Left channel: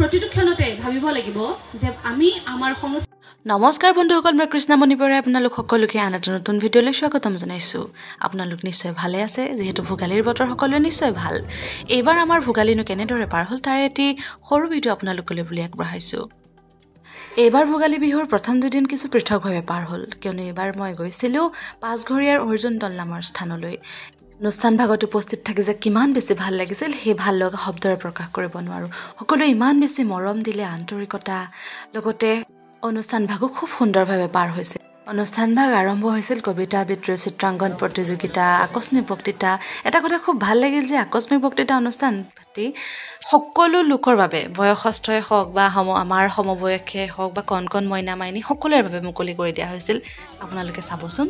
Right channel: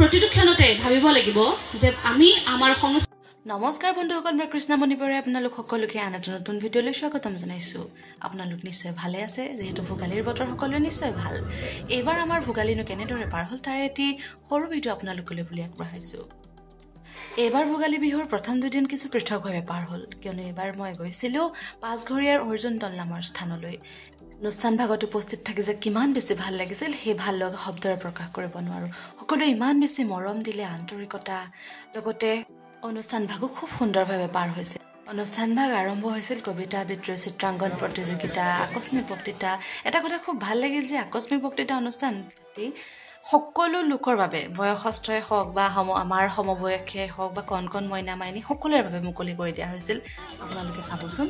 প্ৰতিটো ক্ষণতে ভাবিব লাগিব যে আমি আমাৰ সংস্কৃতি। নমস্কাৰ বন্ধুসকল, মই কৃষ্ণমণি বৰাই আপোনালোক সকলোকে আন এটা নতুন ভিডিঅ'লৈ স্বাগতম জনাইছোঁ। আপোনালোক নিশ্চয় ভালে আছে, যিহেতু ভোগালীৰ বতৰ সকলোৱে নিশ্চয় ভাল। এইবাৰ আমাৰ ভোগালীনো কেনেদৰে পাৰ হ'ল তাৰে এটি সৰু ভিডিঅ' আপোনালোকলৈ বুলি আগবঢ়াইছোঁ। এইবাৰ ভোগালী বিহুৰ প্ৰথম দুদিন কিছু পৃথকভাৱে পাৰ হ'ল, কিয়নো এইবাৰ মই গৈছিলোঁ পাঁচঘৰীয়াৰ অৰ্জুন দল নামৰ স্থানলৈ। অনুষ্ঠান ভাগত উপস্থিত থাকি যে কিমান বেছি ভাল লাগিছিল সেই ভাল লগা শব্দৰে প্ৰকাশ কৰিব নোৱাৰোঁ। সকলোৱে ইমান বেছি মৰম দিলে, আন্তৰিকতা, লগতে অনুষ্ঠান ভাগো খুব সুন্দৰভাৱে পাৰ হৈছে। অনুষ্ঠান ভাগ আৰম্ভ হৈছিল কবিতা আবৃত্তি, চিত্ৰাংকন প্ৰতিযোগিতা, আকস্মিক বক্তৃতা। এটা কথা খুব ভাল লাগিল যে আকস্মিক বক্তৃতা অনুষ্ঠান পাতি সকলো লোকৰ বাবে, বয়সস্থই হওক বা আমাৰ সমবয়সে হওক বা কণ কণ মইনা মাইনী সকলোৰে বাবে মুকলি কৰি দিয়া হৈছিল। আপোনালোকে চাবচোন।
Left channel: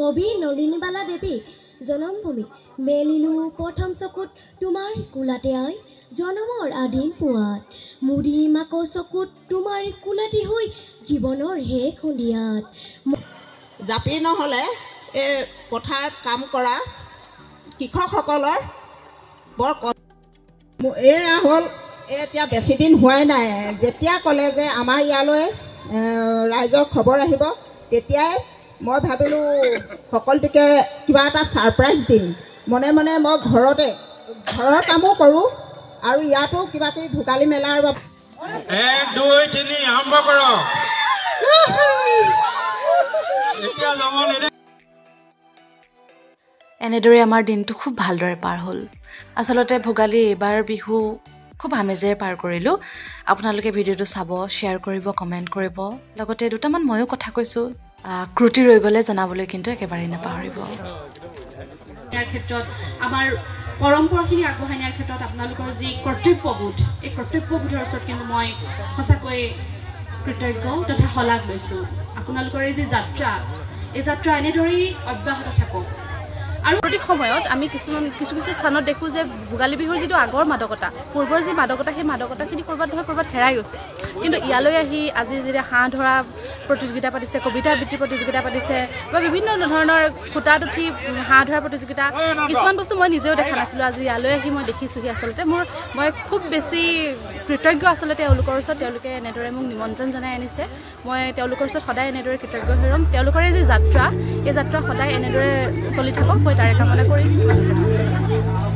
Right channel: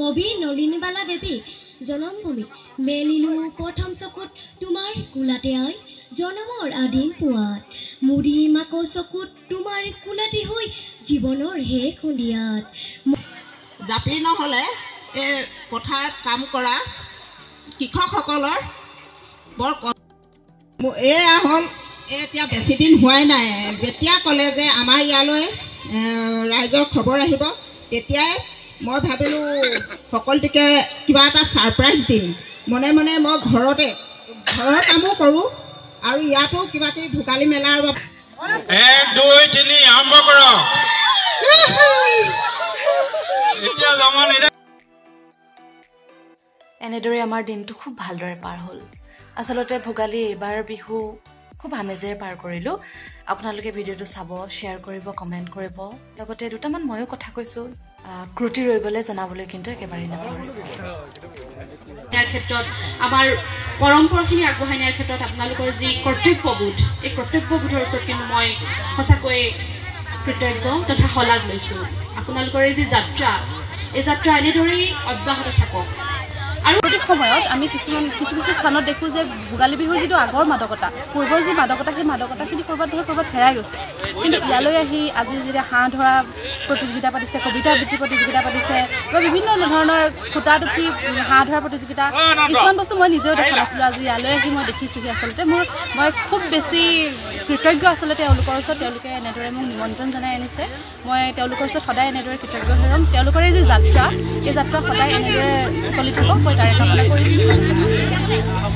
কবি নলিনীবালা দেৱী জনমভূমি মেলিলো প্ৰথম চকুত তোমাৰ কোলাতে আই জনমৰ আদিম পুৱাত মুৰি মাকো চকুত তোমাৰ কোলাতে হৈ জীৱনৰ শেষ সন্ধিয়াত। জাপি নহ'লে এই পথাৰত কাম কৰা কৃষকসকলৰ বৰ এয়া হ'ল এতিয়া বেছি দিন হোৱাই নাই। যেতিয়া ক'লে যে আমাৰ ইয়ালৈ ৰাইজৰ খবৰ আহিব, তেতিয়াই মই ভাবিলোঁ সকলোটিকে কিবা এটা ছাৰপ্ৰাইজ দিম। মনে মনে মই ঘৰৰ কামো কৰোঁ আৰু ইয়াতো কিবা কিবি ভোগালী মেলাৰ বাবে 1 2 3 আৰম্ভ কৰক। এনেদৰে আমাৰ দিনটো খুব ভালদৰে পাৰ হ'ল। আচলতে ভোগালী এইবাৰ বিহু খুব আমেজেৰে পাৰ কৰিলোঁ। আপোনালোকে ভিডিঅ'টো চাব, শ্বেয়াৰ কৰিব, কমেণ্ট কৰিব, লগতে দুটামান ময়ো কথা কৈছোঁ, ক্ৰুটি ৰৈ গ'লে জনাবলৈ কিন্তু একেবাৰেই নাপাহৰিব। ইয়াৰ ক্ষেত্ৰত আমাৰ পৰম্পৰাখিনি আগবঢ়াই নিয়াৰ ক্ষেত্ৰত আপোনালোকৰ যি কৰ্তব্যবোধ, এই কৰ্তব্যবোধৰ ওচৰত কিন্তু মই সঁচাকৈ কৃতজ্ঞ তথা শলাগ লৈছোঁ। আপোনালোকৰ এই যি যাত্ৰা, এই যাত্ৰা এনেদৰেই অব্যাহত থাকক। আৰু প্ৰত্যেক সময়ত আমি কিছু স্থানত দেখোঁ যে ভোগালী বিহুৰ যিটো আগৰ মাদকতা, পূৰ্বৰ যি মাদকতা, সেই মাদকতাখিনি ক'ৰবাত হেৰাই গৈছে। কিন্তু ইয়ালৈ আহি আজি যেতিয়া হাঁহ ধৰা প্ৰতিযোগিতা পাতিছে, কবিতা আবৃত্তি প্ৰতিযোগিতা পাতিছে, বা বিভিন্ন ধৰণৰ খুটাত উঠি হাঁহ ধৰা প্ৰতিযোগিতা, কিছুমান বস্তু মই নিজেও দেখা নাছিলোঁ। আজি ইয়ালৈ আহি মই দেখিছোঁহি। আচলতে মই খুব বেছি কৃতজ্ঞ আচলতে তেওঁলোকৰ ওচৰত। তেওঁলোকে এনেদৰে মোক নিমন্ত্ৰণ জনাই আনিছে। মই তেওঁলোকৰ ওচৰত সদায় এনেদৰে কৃতজ্ঞ হৈ ৰ'ম। তেওঁলোকৰ এই যি যাত্ৰা, এই যাত্ৰা সদায় এনেদৰে চলি থাকক, মই তাৰে কামনা কৰিছোঁ।